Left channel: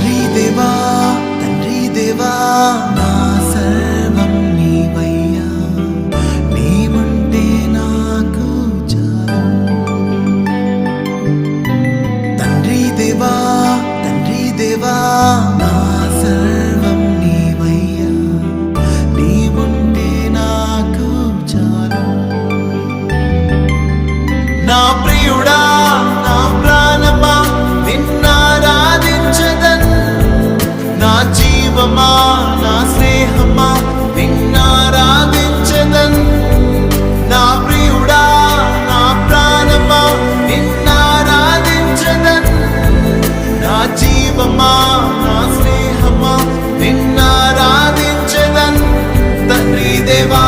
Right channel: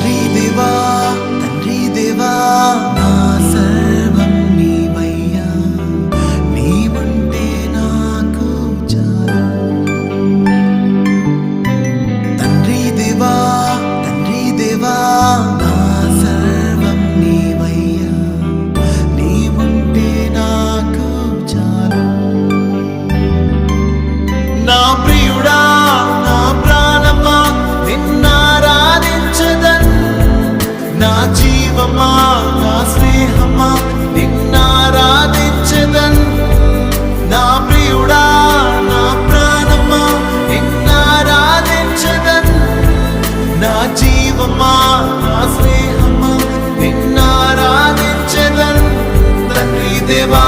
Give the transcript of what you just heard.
తండ్రి దేవా నా సర్వం నీవయ్యా, నీవుంటే నాకు చాలు. తండ్రి దేవా నా సర్వం నీవయ్యా, నీవుంటే నాకు చాలు. నా ప్రియుడా నా ప్రాణమా నిన్నారాధించదన్, నా జీవమా నా స్నేహమా నిన్నారాధించదన్. నా ప్రియుడా నా ప్రాణమా నిన్నారాధించదన్, నా జీవమా నా స్నేహమా నిన్నారాధించదన్. తండ్రి దేవా